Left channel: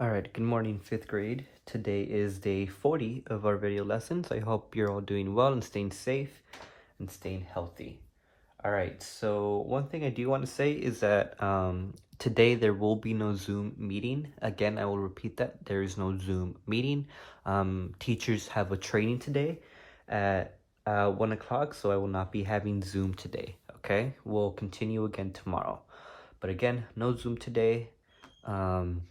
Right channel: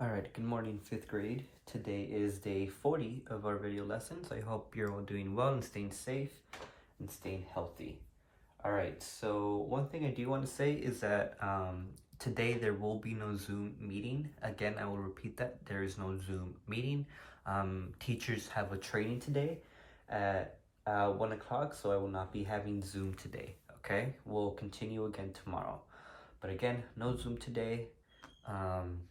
Alright, good morning, 5th grade. Today is day 40 of our video lessons. I hope you're all doing well and staying safe and staying healthy. Alright, so one thing I do want to say is that today there will be no Zoom meeting. Again, I will repeat that. There is no Zoom meeting. Teachers have a training today at 1 o'clock, so I will not be having Zoom today. Okay, we'll continue again tomorrow. But again, no Zoom today.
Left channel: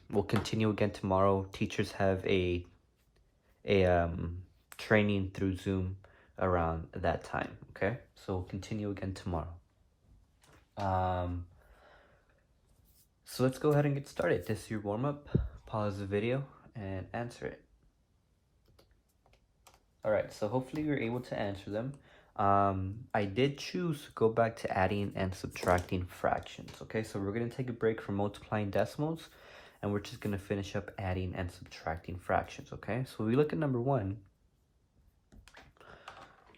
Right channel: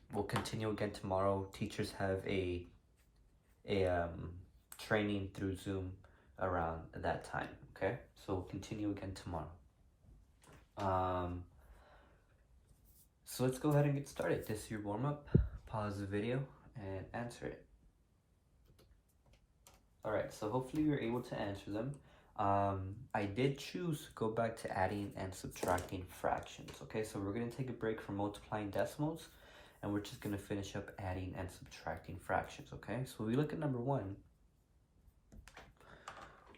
We'll continue again tomorrow. Teachers have a training through Zoom around that time. Okay, so we'll continue again tomorrow. So let's go ahead and get started. This is your warm-up. Pause the video and answer it. Alright, so hopefully you're able to answer them. I did choose to go back to adding and subtracting fractions. Okay, so we're going to take a break from multiplying decimals, and we're just going to finish up adding and subtracting fractions. Okay, so we look at number one.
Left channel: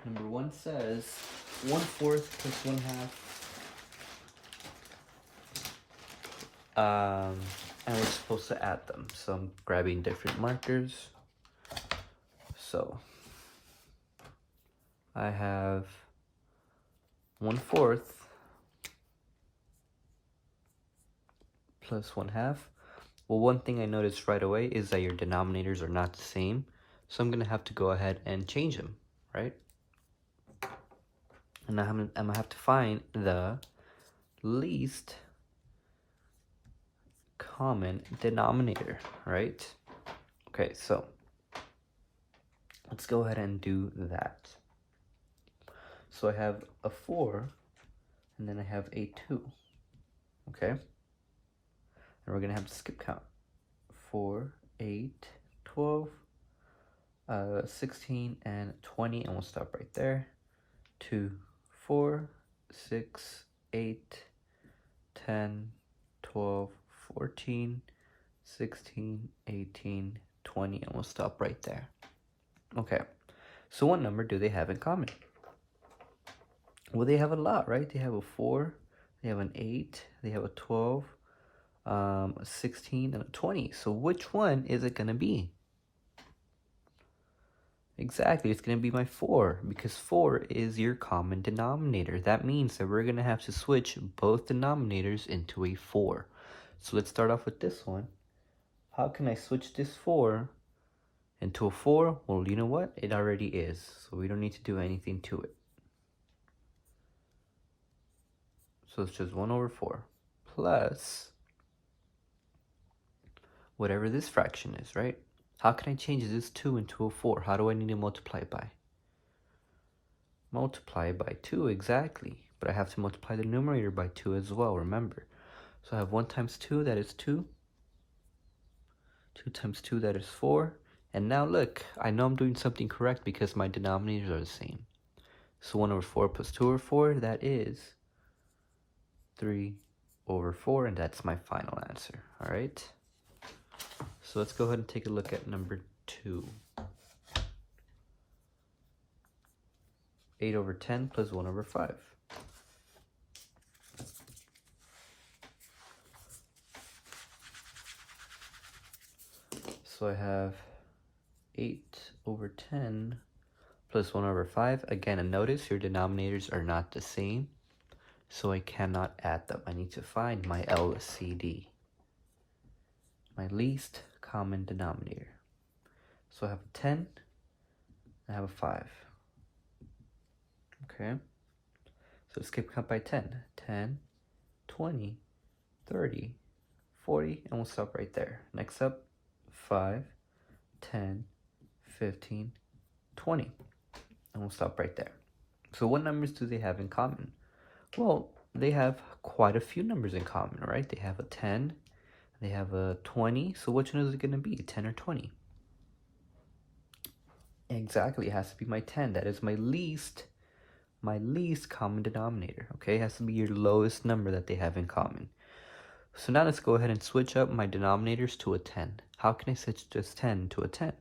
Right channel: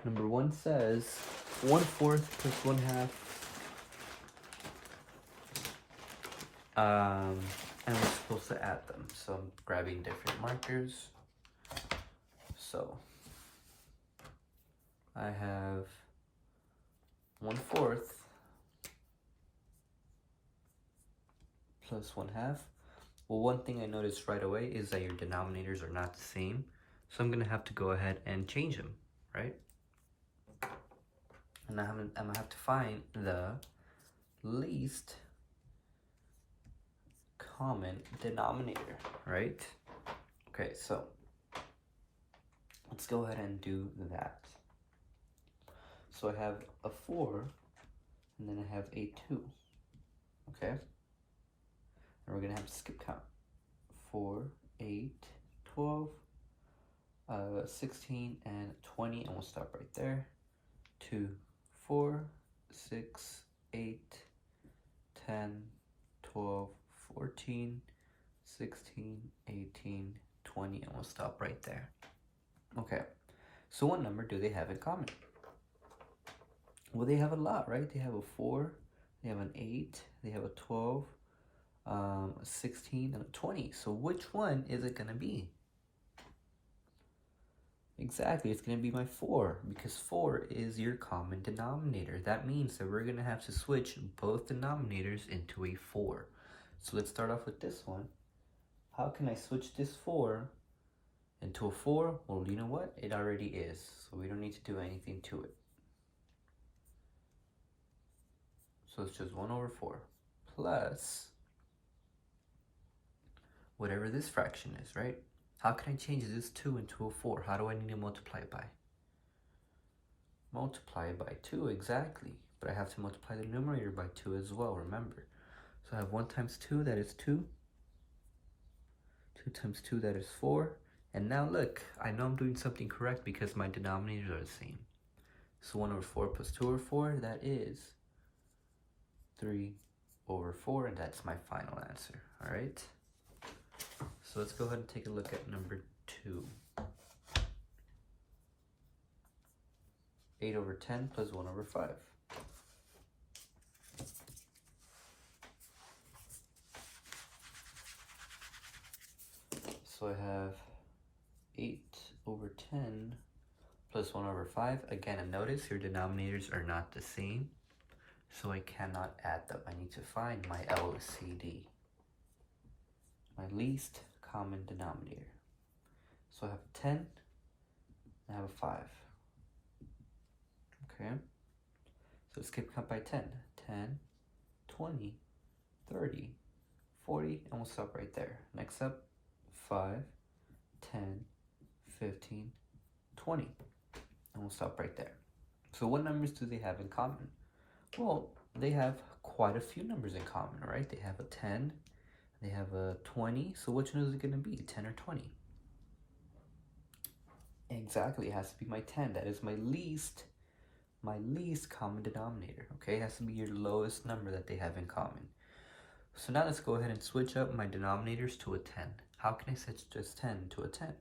Number one says 1/4 plus 1/2. And we're supposed to add them. So I'm grabbing different markers. So I have 1/4 plus 1/2. Well, one thing I noticed right away is that your denominators are not the same. So I'm going to have to go ahead and change them, right? And now I'm going to have to find the least common denominator, right? Okay, so let's go ahead and do that. So I have a 4, and then I have a 2, okay? And we're gonna have to skip count. 4, 8, 12, 16, and 20, and we'll stop right there. 2, 4, 6, 8, 10, 12, 14, 16, 18, 20, and we'll stop right there. Okay, so what number do they have in common? Well, they have a lot, right? They have a 4, they have an 8, they have a 12, a 16, and a 20. So which one is it going to be? Exactly, it's going to be my 4, because 4 is your common denominator. That means that we're going to have to switch both denominators into a 4. So let's start off with this one. How can I switch this 4 into a 4? Well, you know what? It already is, so we don't need to do anything to it. So it's just 1/4 plus whatever this fraction is, right? How can I change this 2 into a 4? How do I need to multiply it by? Multiply by 2, exactly. But I have to multiply the numerator by 2 as well, remember. So I have 1 times 2, that is 2. 2 times 2, that is 4. And now look, I know I'm doing something correct because my denominators are the same. So 1/4 plus 2/4, that is 3/4, and that's my final answer. All right. So let's go ahead and take a look at number 2. 8/10 plus 1/5. So I have 8/10 plus 1/5. Again, and notice your denominators are not the same, so I cannot add them. I need to find my LCD, my least common denominator. So I have a 10, I have a 5. Okay, so skip count by 10. 10, 20, 30, 40, and we'll stop right there. Next up, 5, 10, 15, 20, and we'll stop right there. So what numbers do they have in common? Well, they have quite a few numbers in common, right? They have a 10, they have a 20, so which one is it going to be, 10 or 20? Exactly, it has to be my 10. That is my least common denominator, okay? It has to be your lowest number that they have in common. So now let's go ahead and switch up my denominators to a 10. How can I switch just 10 to a 10?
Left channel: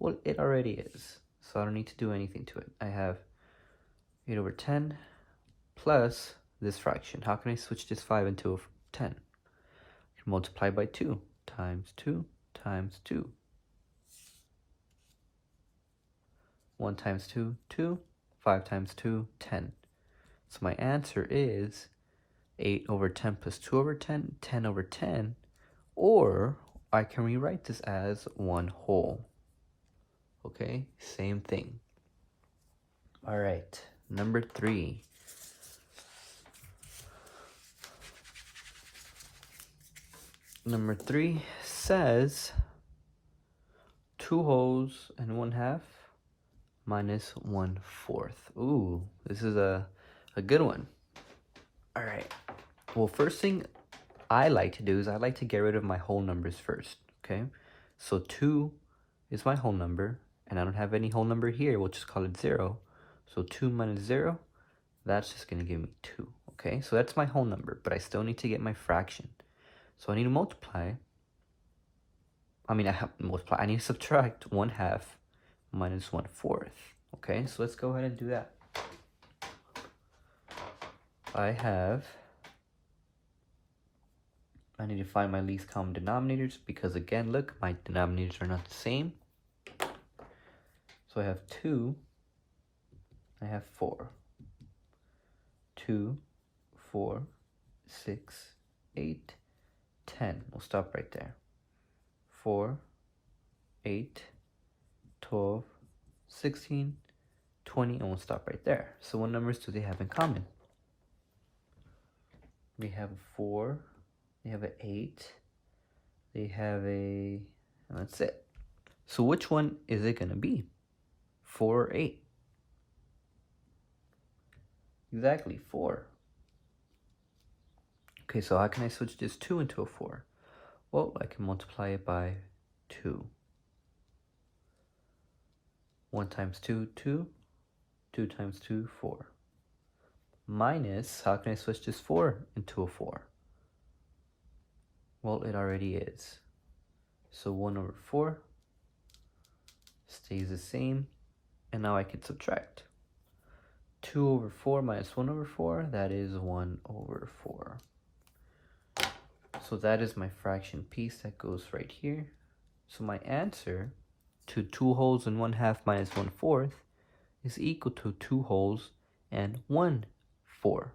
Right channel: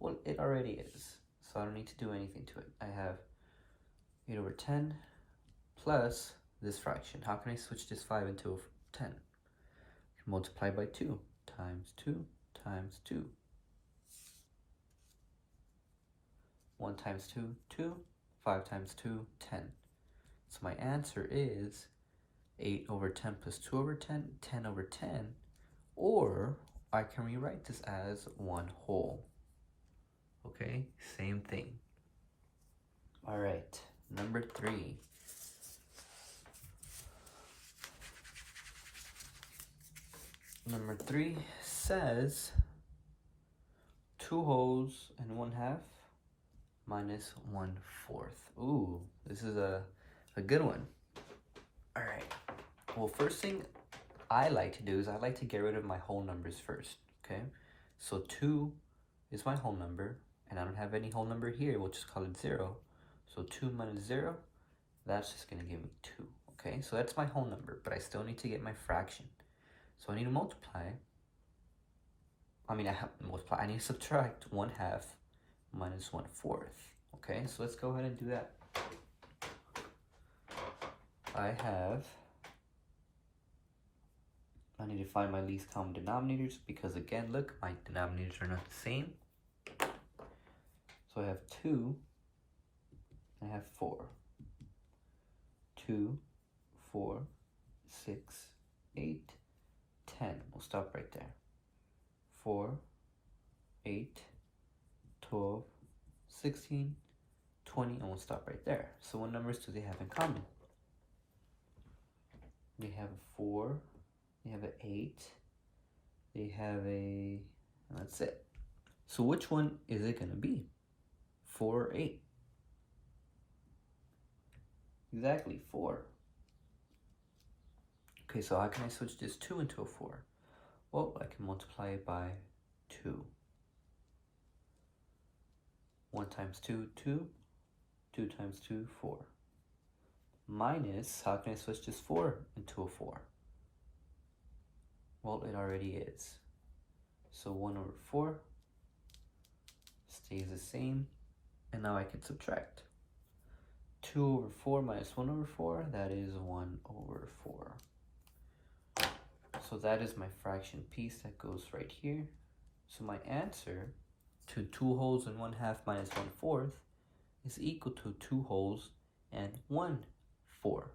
Well, it already is, so I don't need to do anything to it. I have 8/10 plus this fraction. How can I switch this 5 into a 10? I can multiply by 2 times 2 times 2. 1 times 2, 2. 5 times 2, 10. So my answer is 8 over 10 plus 2 over 10, 10 over 10. Or I can rewrite this as 1 whole. Okay, same thing. All right, number 3. Number 3 says 2 wholes and 1/2 minus 1/4. Ooh, this is a good one. All right. Well, first thing I like to do is I like to get rid of my whole numbers first. Okay. So 2 is my whole number, and I don't have any whole number here. We'll just call it 0. So 2 minus 0, that's just going to give me 2. Okay. So that's my whole number, but I still need to get my fraction. So I need to multiply. I need to subtract 1/2 minus 1/4. Okay, so let's go ahead and do that. I need to find my least common denominators because again, look, my denominators are not the same. So I have 2, I have 4. 2, 4, 6, 8, 10. We'll stop right there. 4, 8, 12, 16, 20, and we'll stop right there. So what numbers do they have in common? They have a 4, they have an 8, they have and that's it. So which one is it going to be? 4 or 8? Exactly, 4. Okay, so how can I switch this 2 into a 4? Well, I can multiply it by 2. 1 times 2, 2. 2 times 2, 4. Minus, how can I switch this 4 into a 4? Well, it already is. So 1 over 4 stays the same. And now I can subtract. 2 over 4 minus 1 over 4, that is 1 over 4. So that is my fraction piece that goes right here. So my answer to 2 wholes and 1/2 minus 1/4 is equal to 2 wholes and 1/4.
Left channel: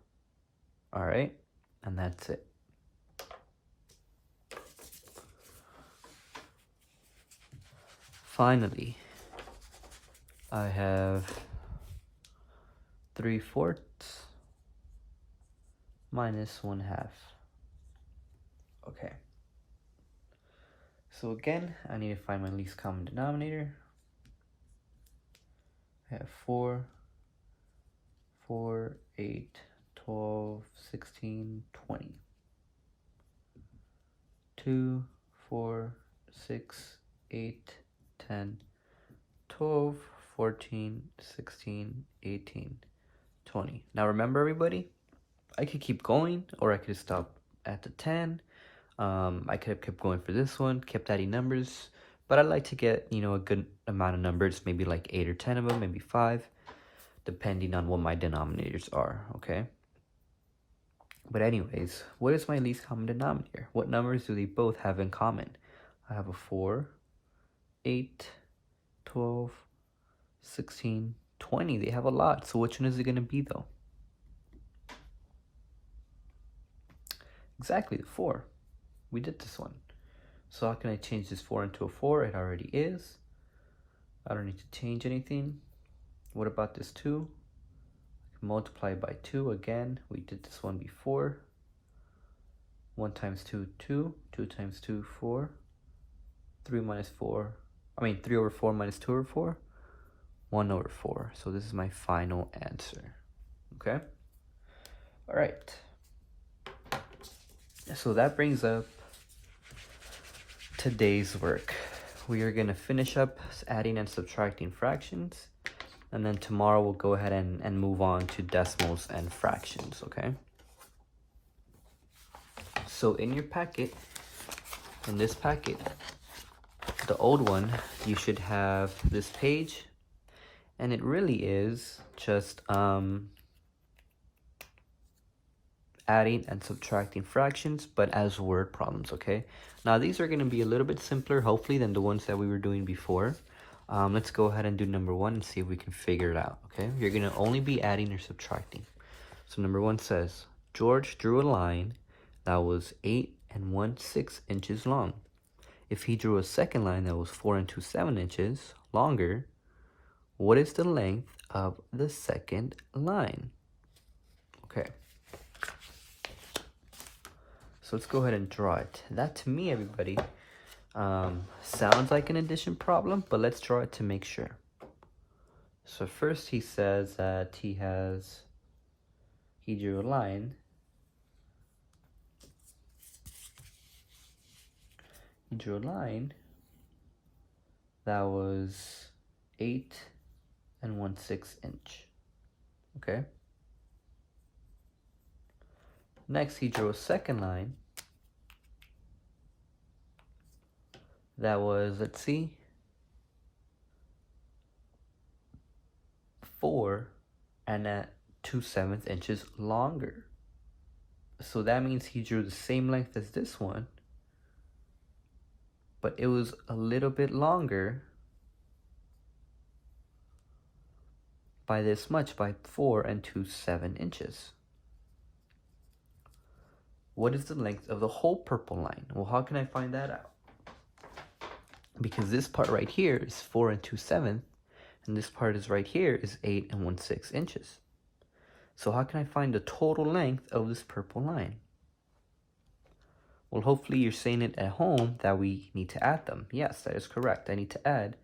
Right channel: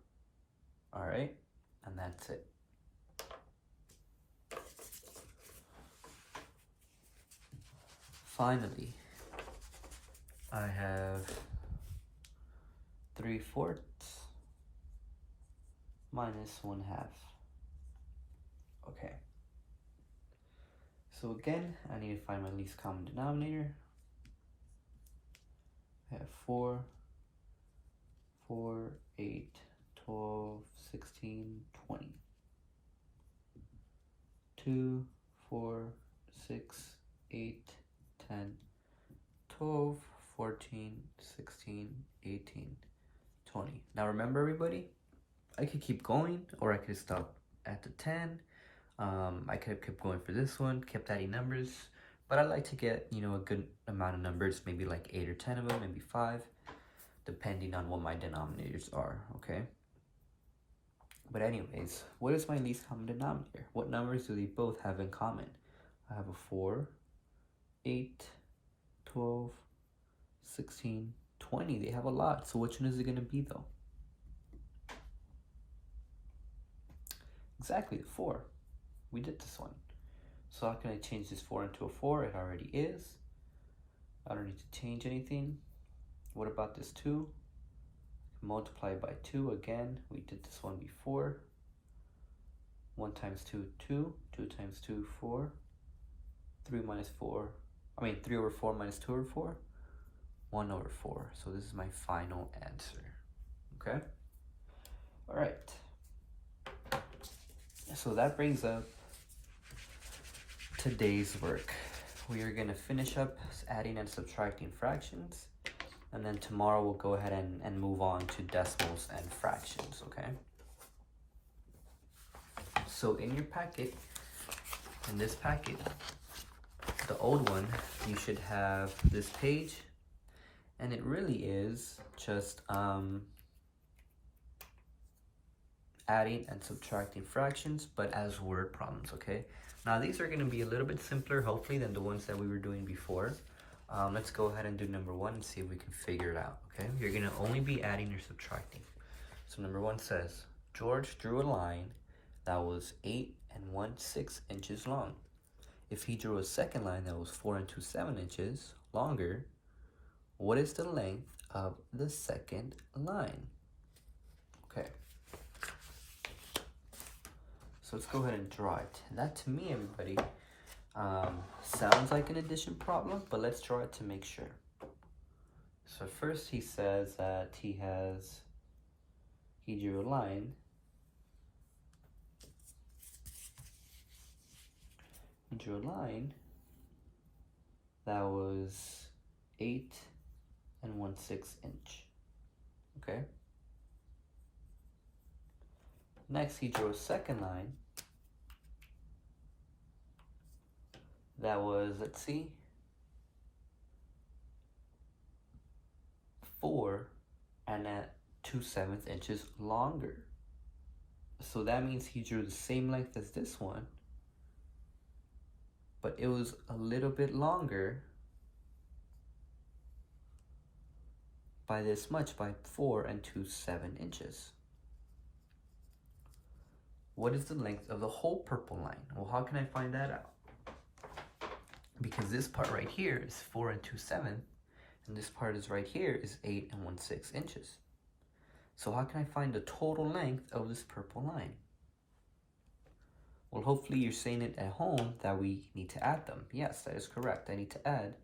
All right, and that's it. Finally, I have 3/4 minus 1/2. Okay. So again, I need to find my least common denominator. I have 4, 4, 8, 12, 16, 20. 2, 4, 6, 8, 10, 12, 14, 16, 18, 20. Now remember everybody, I could keep going or I could stop at the 10. I could have kept going for this one, kept adding numbers, but I like to get, a good amount of numbers, maybe like 8 or 10 of them, maybe 5, depending on what my denominators are, okay? But anyways, what is my least common denominator? What numbers do they both have in common? I have a 4, 8, 12, 16, 20. They have a lot, so which one is it going to be though? Exactly, the 4. We did this one. So how can I change this 4 into a 4? It already is. I don't need to change anything. What about this 2? Multiply by 2 again. We did this one before. 1 times 2, 2. 2 times 2, 4. 3 over 4 minus 2 over 4. 1 over 4. So this is my final answer. Okay? All right. So that brings up today's work. We are going to finish up adding and subtracting fractions, and then tomorrow we'll go ahead and move on to decimals and fractions, okay? So in your packet, in this packet, the old one, you should have this page, and it really is just adding and subtracting fractions, but as word problems, okay? Now these are going to be a little bit simpler, hopefully, than the ones that we were doing before. Let's go ahead and do number 1 and see if we can figure it out, okay? You're going to only be adding or subtracting. So number 1 says, George drew a line that was 8 1/6 inches long. If he drew a second line that was 4 2/7 inches longer, what is the length of the second line? Okay. So let's go ahead and draw it. That to me, everybody, sounds like an addition problem, but let's draw it to make sure. So first he says that he drew a line. He drew a line that was 8 1/6 inch. Okay. Next, he drew a second line that was, let's see, 4 2/7 inches longer. So that means he drew the same length as this one, but it was a little bit longer by this much, by 4 2/7 inches. What is the length of the whole purple line? Well, how can I find that out? Because this part right here is 4 2/7, and this part is right here is 8 1/6 inches. So how can I find the total length of this purple line? Well, hopefully you're saying it at home that we need to add them. Yes, that is correct. I need to add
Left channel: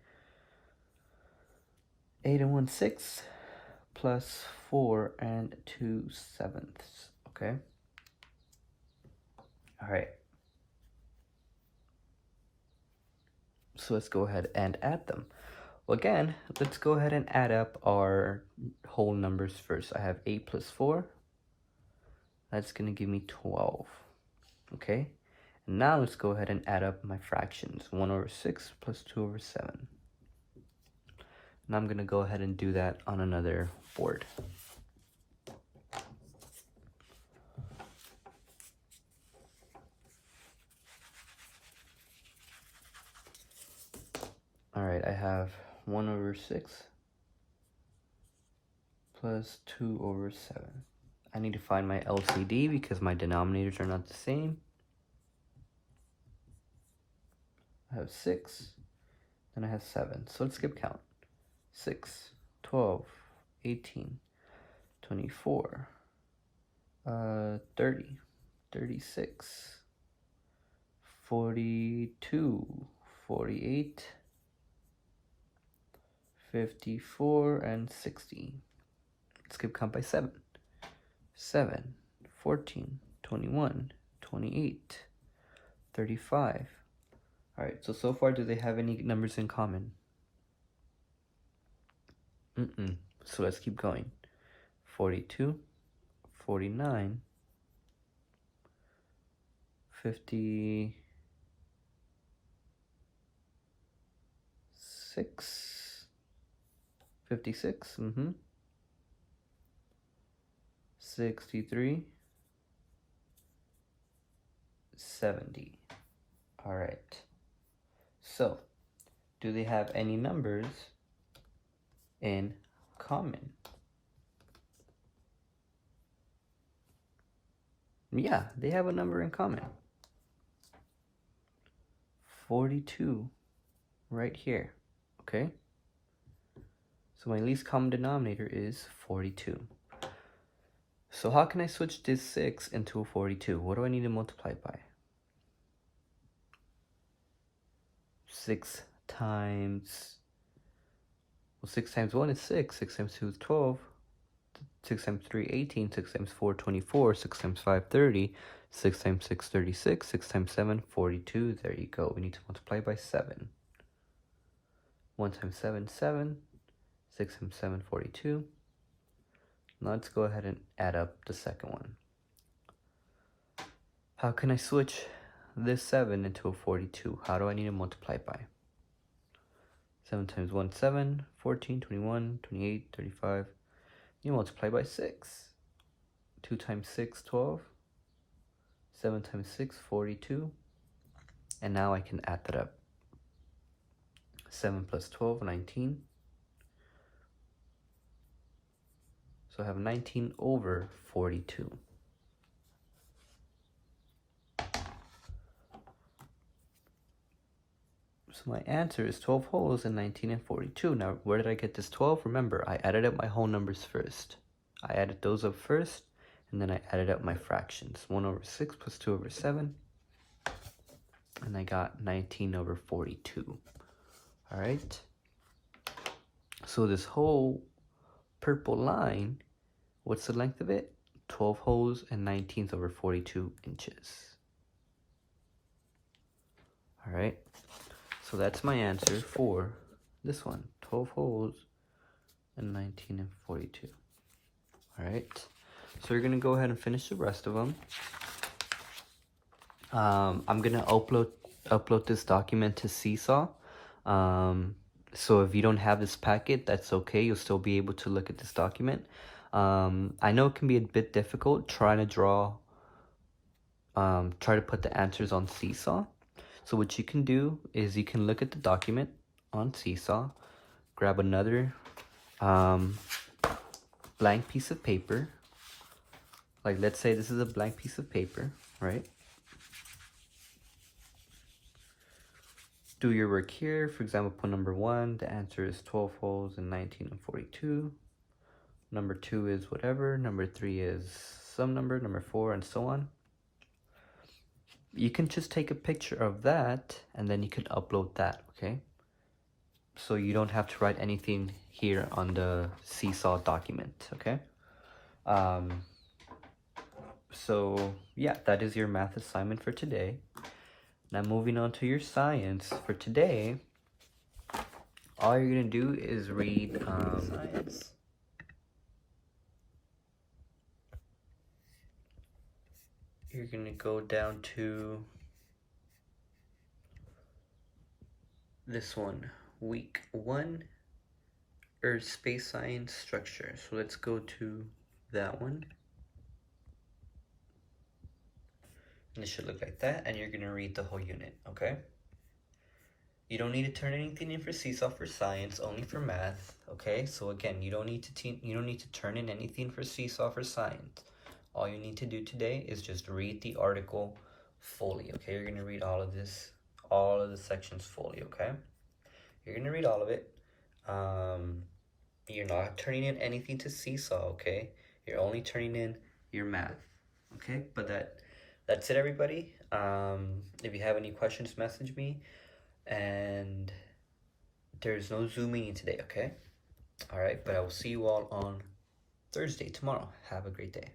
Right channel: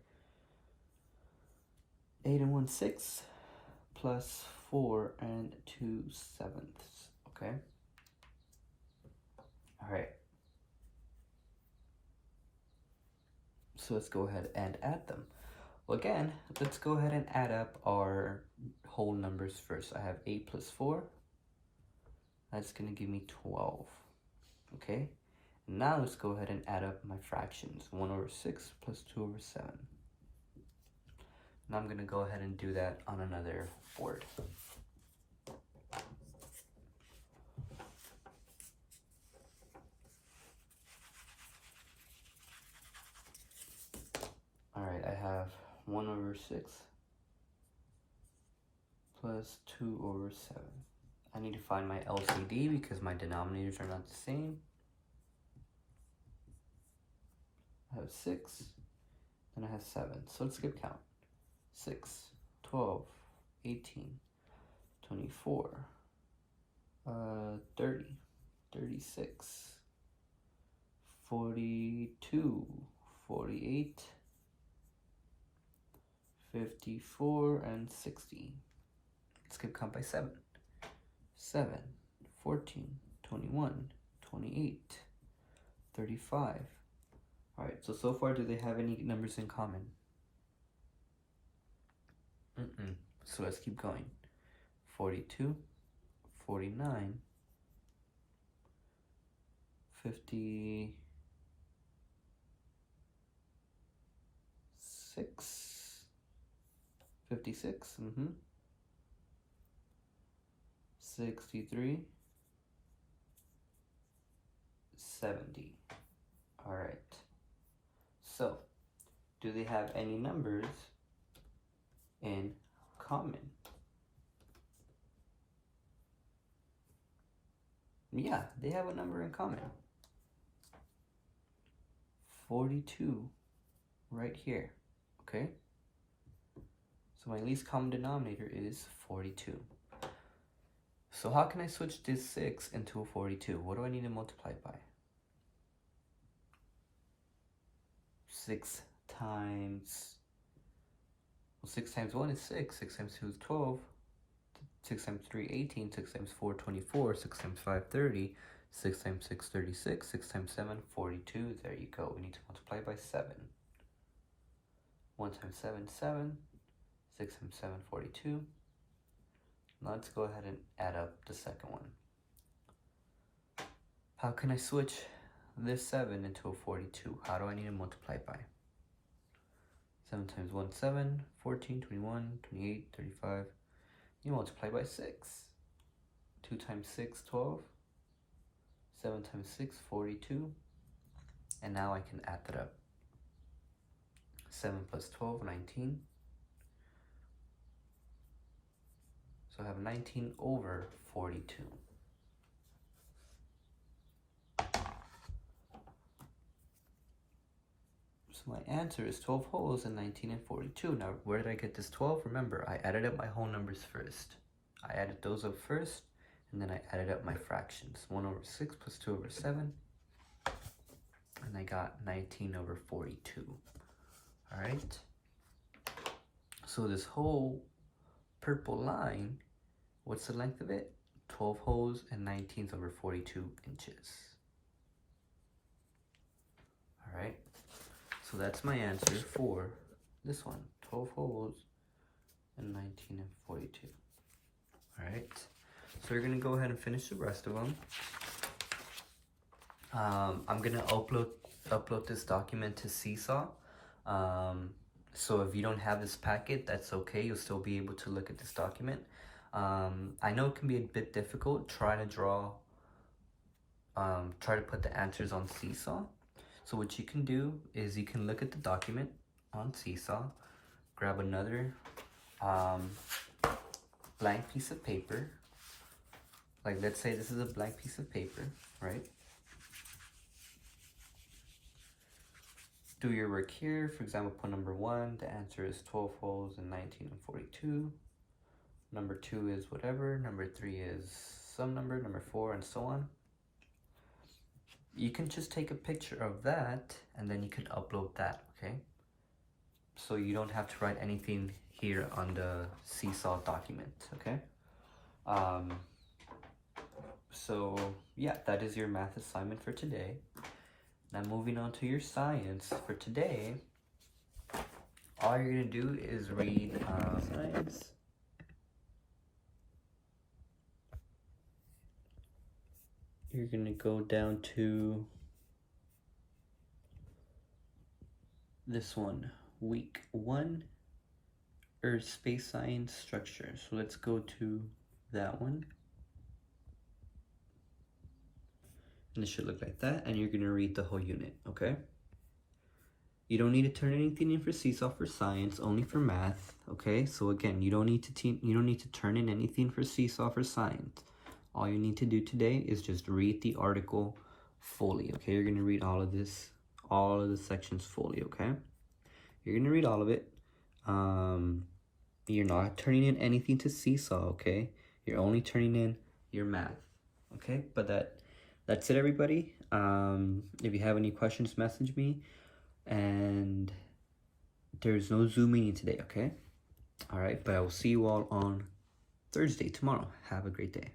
8 1/6 plus 4 2/7. Okay. All right. So let's go ahead and add them. Well, again, let's go ahead and add up our whole numbers first. I have 8 plus 4. That's going to give me 12. Okay. And now let's go ahead and add up my fractions. 1/6 plus 2/7. And I'm going to go ahead and do that on another board. All right, I have 1/6 plus 2/7. I need to find my LCD because my denominators are not the same. I have 6, then I have 7. So let's skip count. 6, 12, 18, 24, 30, 36, 42, 48, 54, and 60. Skip count by 7. 7, 14, 21, 28, 35. All right, so far, do they have any numbers in common? So let's keep going. 42, 49, 56, 56, 63, 70. All right. So, do they have any numbers in common? Yeah, they have a number in common. 42 right here, okay? So my least common denominator is 42. So how can I switch this 6 into a 42? What do I need to multiply it by? 6 times 1 is 6, 6 times 2 is 12, 6 times 3, 18, 6 times 4, 24, 6 times 5, 30, 6 times 6, 36, 6 times 7, 42. There you go. We need to multiply by 7. 1 times 7, 7. 6 times 7, 42. Now let's go ahead and add up the second one. How can I switch this 7 into a 42? How do I need to multiply by? 7 times 1, 7, 14, 21, 28, 35. You multiply by 6. 2 times 6, 12. 7 times 6, 42. And now I can add that up. 7 plus 12, 19. So I have 19 over 42. So my answer is 12 wholes and 19 and 42. Now, where did I get this 12? Remember, I added up my whole numbers first. I added those up first, and then I added up my fractions. 1 over 6 plus 2 over 7. And I got 19 over 42. All right. So this whole purple line, what's the length of it? 12 holes and 19 over 42 inches. All right. So that's my answer for this one. 12 holes and 19 and 42. All right. So we're going to go ahead and finish the rest of them. I'm going to upload this document to Seesaw. So if you don't have this packet, that's okay. You'll still be able to look at this document. I know it can be a bit difficult trying to try to put the answers on Seesaw. So what you can do is you can look at the document on Seesaw, grab another blank piece of paper. Like, let's say this is a blank piece of paper, right? Do your work here. For example, put number 1, the answer is 12 holes and 19 and 42. Number 2 is whatever. Number 3 is some number. Number 4, and so on. You can just take a picture of that and then you can upload that, okay? So you don't have to write anything here on the Seesaw document, okay? So yeah, that is your math assignment for today. Now moving on to your science for today, all you're gonna do is read science. You're gonna go down to this one, week 1, Earth, space, science, structure. So let's go to that one. And it should look like that, and you're gonna read the whole unit, okay? You don't need to turn anything in for Seesaw for science, only for math, okay? So again, you don't need to turn in anything for Seesaw for science. All you need to do today is just read the article fully, okay? You're gonna read all of this, all of the sections fully, okay? You're gonna read all of it. You're not turning in anything to Seesaw, okay? You're only turning in your math, okay? But that's it, everybody. If you have any questions, message me. And there's no Zoom meeting today, okay? All right, but I will see you all on Thursday, tomorrow. Have a great day.